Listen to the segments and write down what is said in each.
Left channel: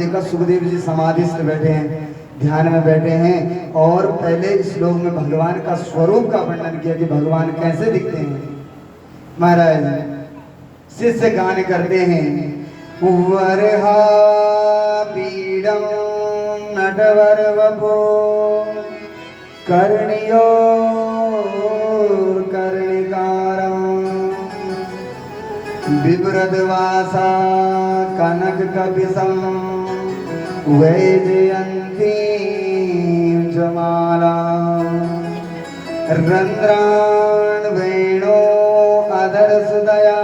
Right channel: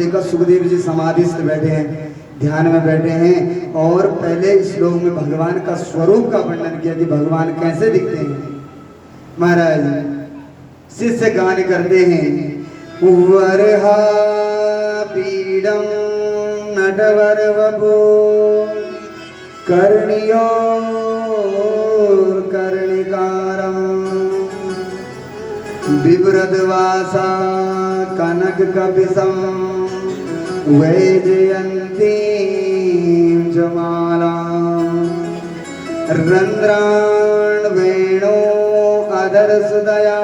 देखा सुखदेव जी समाधिस्थ बैठे हैं, ध्यान में बैठे हैं, और पहले श्लोक में भगवान का स्वरूप का वर्णन किया कि भगवान कैसे दिखते हैं। महाराज शिष्य गान करते हैं, वरहा पीडम नटवर वपो कर्णियो कर्णिकारं बिभ्रद्वासा कनक कपिशं वैजयन्ती जमाला रंध्राण वेणो अधरसुदया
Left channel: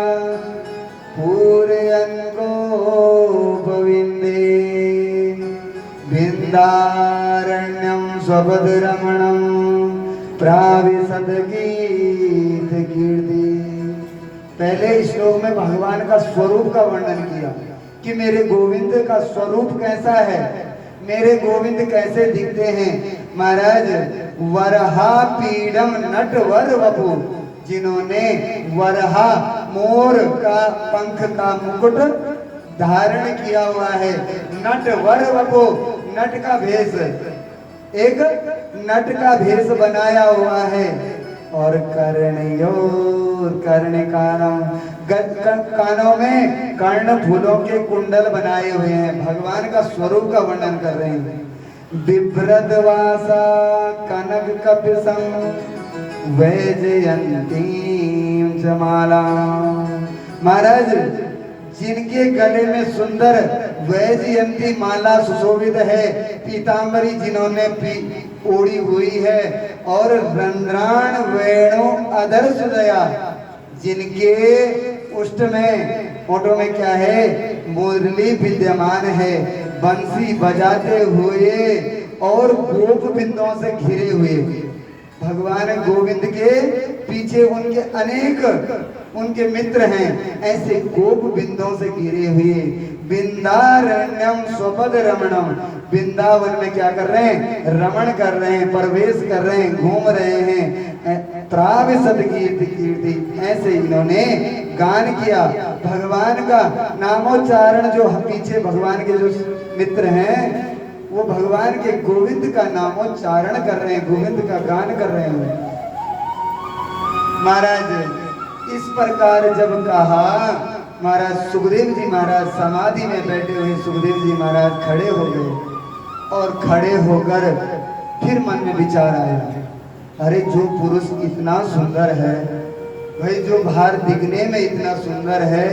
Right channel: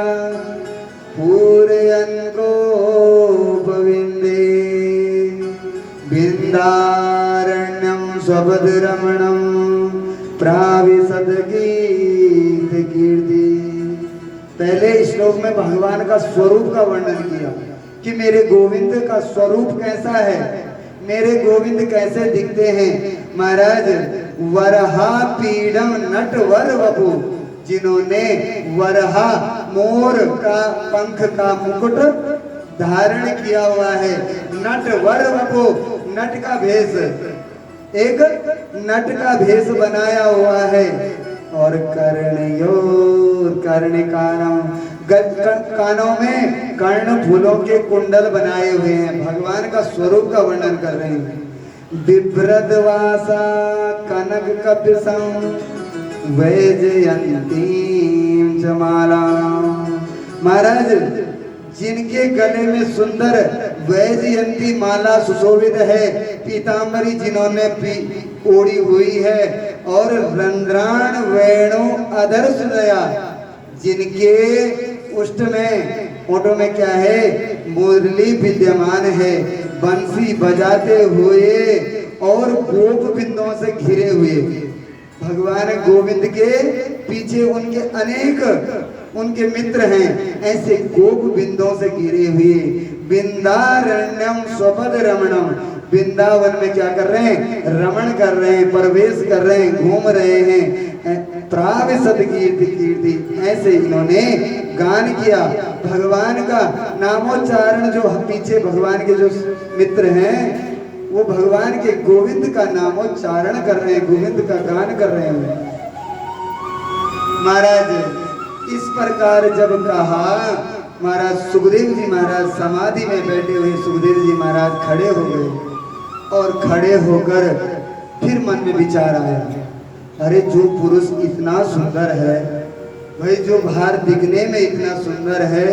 पूरयन् गोपविन्दे बिन्दारण्यं स्वपदरमणं प्राविशद गीत कीर्ति। पहले श्लोक में भगवान का स्वरूप का वर्णन किया कि मेरे गोविंद का स्वरूप कैसा है, मेरे गोविंद कैसे दिखते हैं। महाराज वरहा पीडम नटवर वपु, जिन्होंने वरहा मोर का पंख का मुकुट धारण किया हुआ है, नटवर वपु नट का भेष, एक नट का भेष बनाया हुआ है, और कर्णयो कर्णिकारं, कानों में कर्ण फूलों के कुंडल बनाए हुए हैं। भगवान का स्वरूप का वर्णन कर रहे हैं। बिभ्रद्वासा कनक कपिशं वैजयन्ती जमाला। महाराज जिनके गले में सुंदर वैजयंती माला सुशोभित है, पीतांबरी जिन्होंने ओढ़ी हुई है, और रंध्राण वेणु अधर सुदया, जिनके उष्ट में ओठों में क्या है, मुरली विद्यमान है, बंसी बजाते हुए और गोप बिंदुओं से घिरे हुए। भगवान गोविंद के पीछे उनके अनेक उनके मित्र हैं, ऐसे गोप बिंदुओं से घिरे हुए। बिंदारण्यम स्वपद रमणम, वृंदावन में क्या कर रहे हैं, रमण कर रहे हैं, प्रवेश कर रहे हैं, घूम रहे हैं। प्राविशद कीर्ति कीर्ति, ऐसे इन्होंने गान किया। भगवान का नामोच्चारण, जो पीछे भगवान के जो मित्र हैं वो भगवान के गोविंद का नामोच्चारण कर रहे हैं, गोविंद का गान कर रहे हैं। महाराज इस प्रकार जब कहा, महाराज सुखदेव जी महाराज समाधि में बैठे हुए सुखदेव जी महाराज खड़े हो गए, और खड़े होकर फिर मन में विचार आया, अरे जो पुरुष इतना सुंदर है, भाई जो बाहर दिखने में इतना सुंदर है,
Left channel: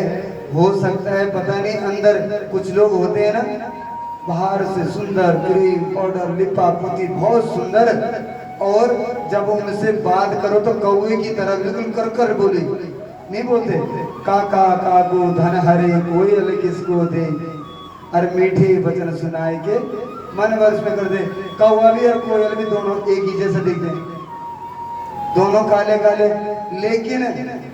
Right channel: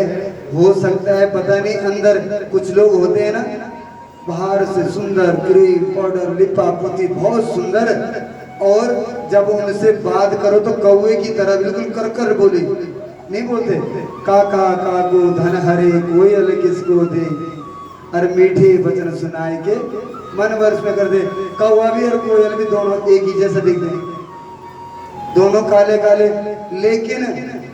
हो सकता है पता नहीं अंदर कुछ लोग होते हैं ना, बाहर से सुंदर, क्रीम पाउडर लिपा पोती बहुत सुंदर, और जब उनसे बात करो तो कौवे की तरह बिल्कुल कर कर बोले, नहीं बोलते, काका काको धन हरे कोयल किसको दे, और मीठे वचन सुनाए के मन वर्ष में कर दे। कौवा भी और कोयल भी दोनों एक ही जैसे दिखते हैं, दोनों काले काले, लेकिन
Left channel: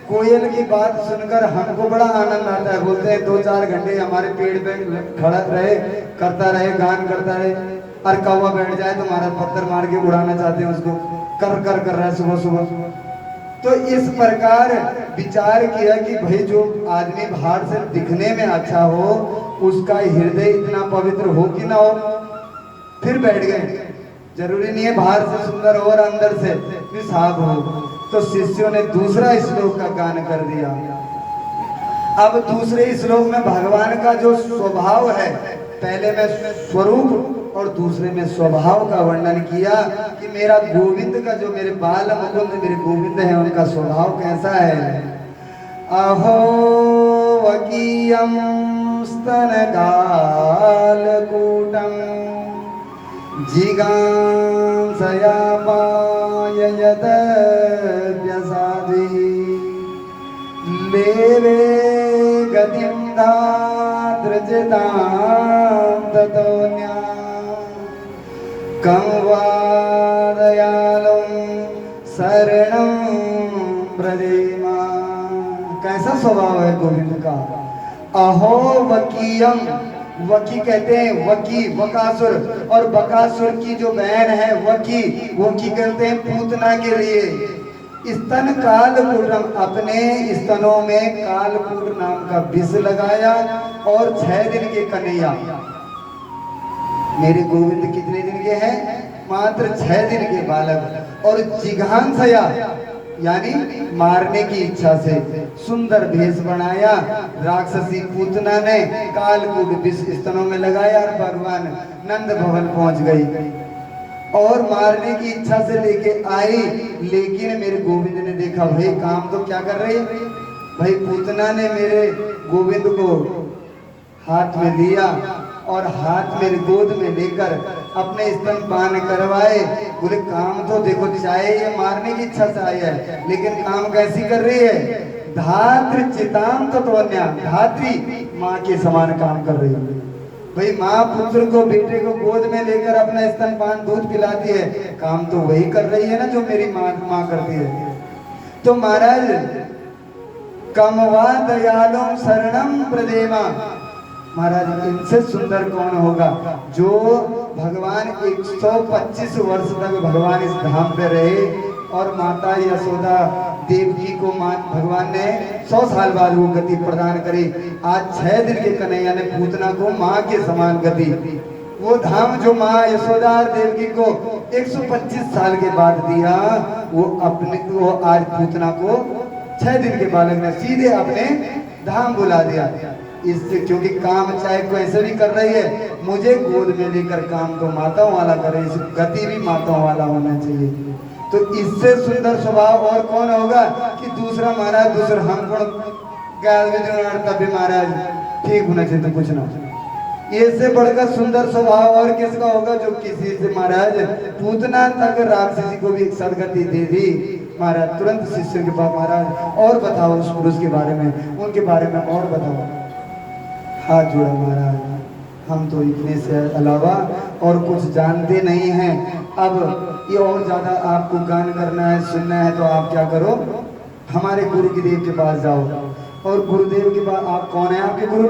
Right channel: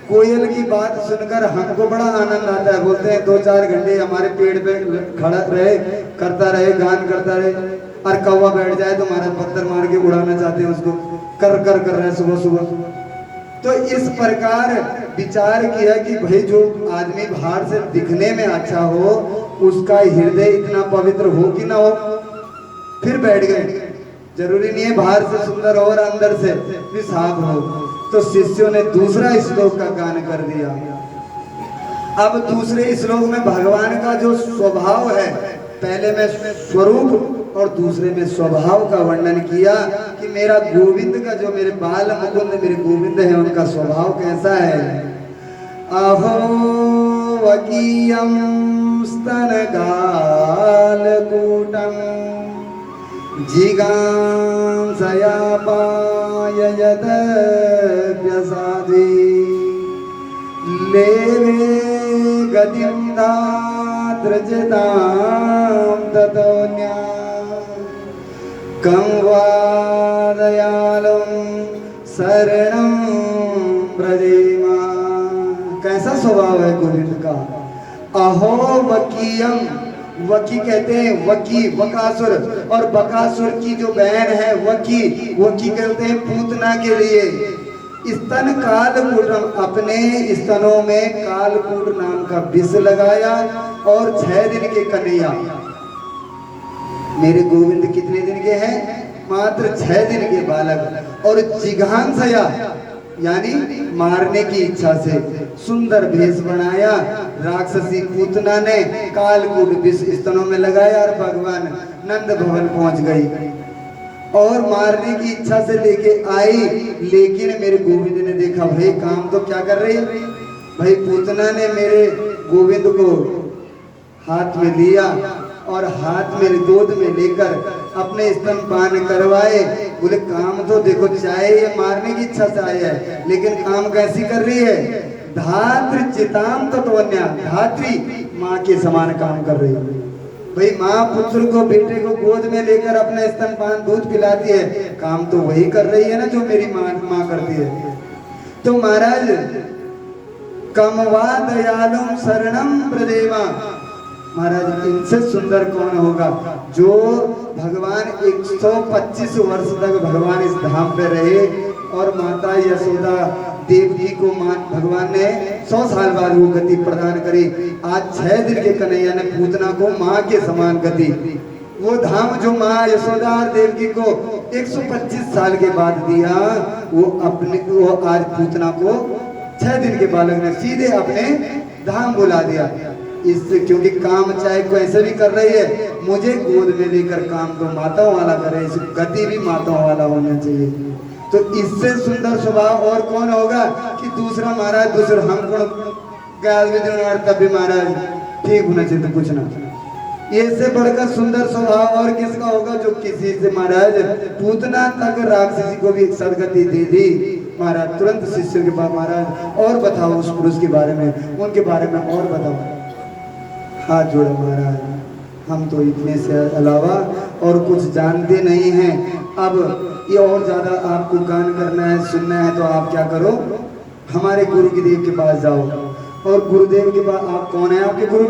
कोयल की बात सुनकर हमको बड़ा आनंद आता है। बोलते हैं 2-4 घंटे हमारे पेड़ पे खड़ा रहे, करता रहे, गान करता रहे, और कौवा बैठ जाए तो महाराज पत्थर मार के उड़ाना चाहते हैं उसको, कर कर कर रहा है सुबह सुबह। तो इस प्रकार विचार किया कि भाई जो आदमी बाहर से दिखने में अच्छा हो, उसका हृदय इतना पवित्र हो कि ना हो। फिर बैठ गए, जरूरी नहीं है बाहर से सुंदर हो और अंदर से भी साफ हो। तो शिष्यों ने दूसरा श्लोक का गान कर दिया। अब दूसरे श्लोक में भगवान का जो स्वभाव है, पहले में स्वरूप और दूसरे में स्वभाव का वर्णन किया कि मेरा गोविंद का, जो मेरे बाल मुकुंद मेरे गोविंद है, उनका स्वभाव कैसा है। अहो वकीयम स्तन गाल कूटम जिगांसया पाययत व्यसादि लेवे गतिं धातृजतां ततोन्या कं वा दयालुं शरणं ब्रजेमा। कैसा स्वभाव है गोविंद का। अहो वकीयम, वकी कहते हैं वकी, बकासुर, और बकासुर की जो बहन है वकी, वकी कहते हैं पूतना के लिए। स्तन कालकूटम, अपने स्तनों में कालकूट नाम का विष लगाया, और 6 दिन के कन्हैया, मेरे गोविंद कितने दिन के हैं? मात्र 6 दिन के बालक। और जिघांसया यानी मारने की इच्छा से सुंदर भेष बनाया। राक्षसी पूतना ने कालकूट विष स्तनों में लगाया और भगवान नंद भवन पहुंच गई और मारने की इच्छा से लेके आई। लेकिन मेरे गोविंद ने देखा, भाई काम तो क्या कर रही है, भाई पूतना ने मेरे गोविंद को हाथ में लिया और हाथ में गोद में लेकर अपने स्तनपान करवाए। बोले काम तो देखो, चाहे ये मारने की इच्छा से आई है लेकिन काम कैसी कर रही है? धात्र चिताम तत्वन्या, धात्री माँ के समान काम कर रही है। भाई माँ पुत्र को, बेटे को गोद में लेकर अपने स्तनपान दूध पिलाती है, काम तो वही कर रही है ना जो मेरी माँ करती है। तो महाराज कमवा दयालुम शरणम प्रदेमा, महाराज इनसे सुंदर कौन होगा जो भगवान 125 वर्ष तक भगवान इस धाम पे रहे और माता यशोदा देवकी को भगवान ने 100 साल बाद वो गति प्रदान करी। आज 6 दिन के कन्हैया ने पूतना को माँ के समान गति, वो धाम जो माँ यशोदा और देवकी को 125 साल के बाद दिया, वो आज पूतना को 6 दिन के बालक ने सीधे अपने धाम बुला दिया। इससे क्योंकि काम चाहे कैसे भी कर रही है, मुझे गोद में लेकर काम तो माताओं वाला करे, इस गति भी माताओं वाला होना चाहिए। तो इससे सुंदर स्वभाव और कौन होगा कि दूसरा महाराज दूसरा हम गाल में तभी महाराज ठीक होना चाहिए तो कुछ ना। इससे बढ़कर सुंदर स्वभाव और किसका होगा जो किसी से महाराज पूतना तक राक्षसी को भी सदगति दे दी। महाराज तुरंत शिष्य के पास, महाराज और बताओ उस पुरुष के बारे में, उनके बारे में और बताओ। हाथ जोड़ा महाराज, हम तो इतने से अलावा और कुछ जानते नहीं हैं। अब ये और ज्यादा आपको गान करना है, सुनना है तो आप क्या करो, हमारे गुरु की देव के पास जाओ। और गुरुदेव के पास, आप कौन है आपके गुरु?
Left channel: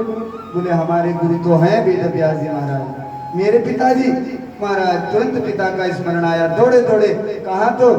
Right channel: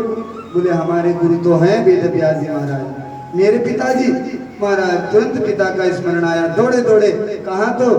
बोले हमारे गुरु तो हैं वेद व्यास जी महाराज। मेरे पिताजी? महाराज तुरंत पिता का स्मरण आया, दौड़े दौड़े कहाँ तो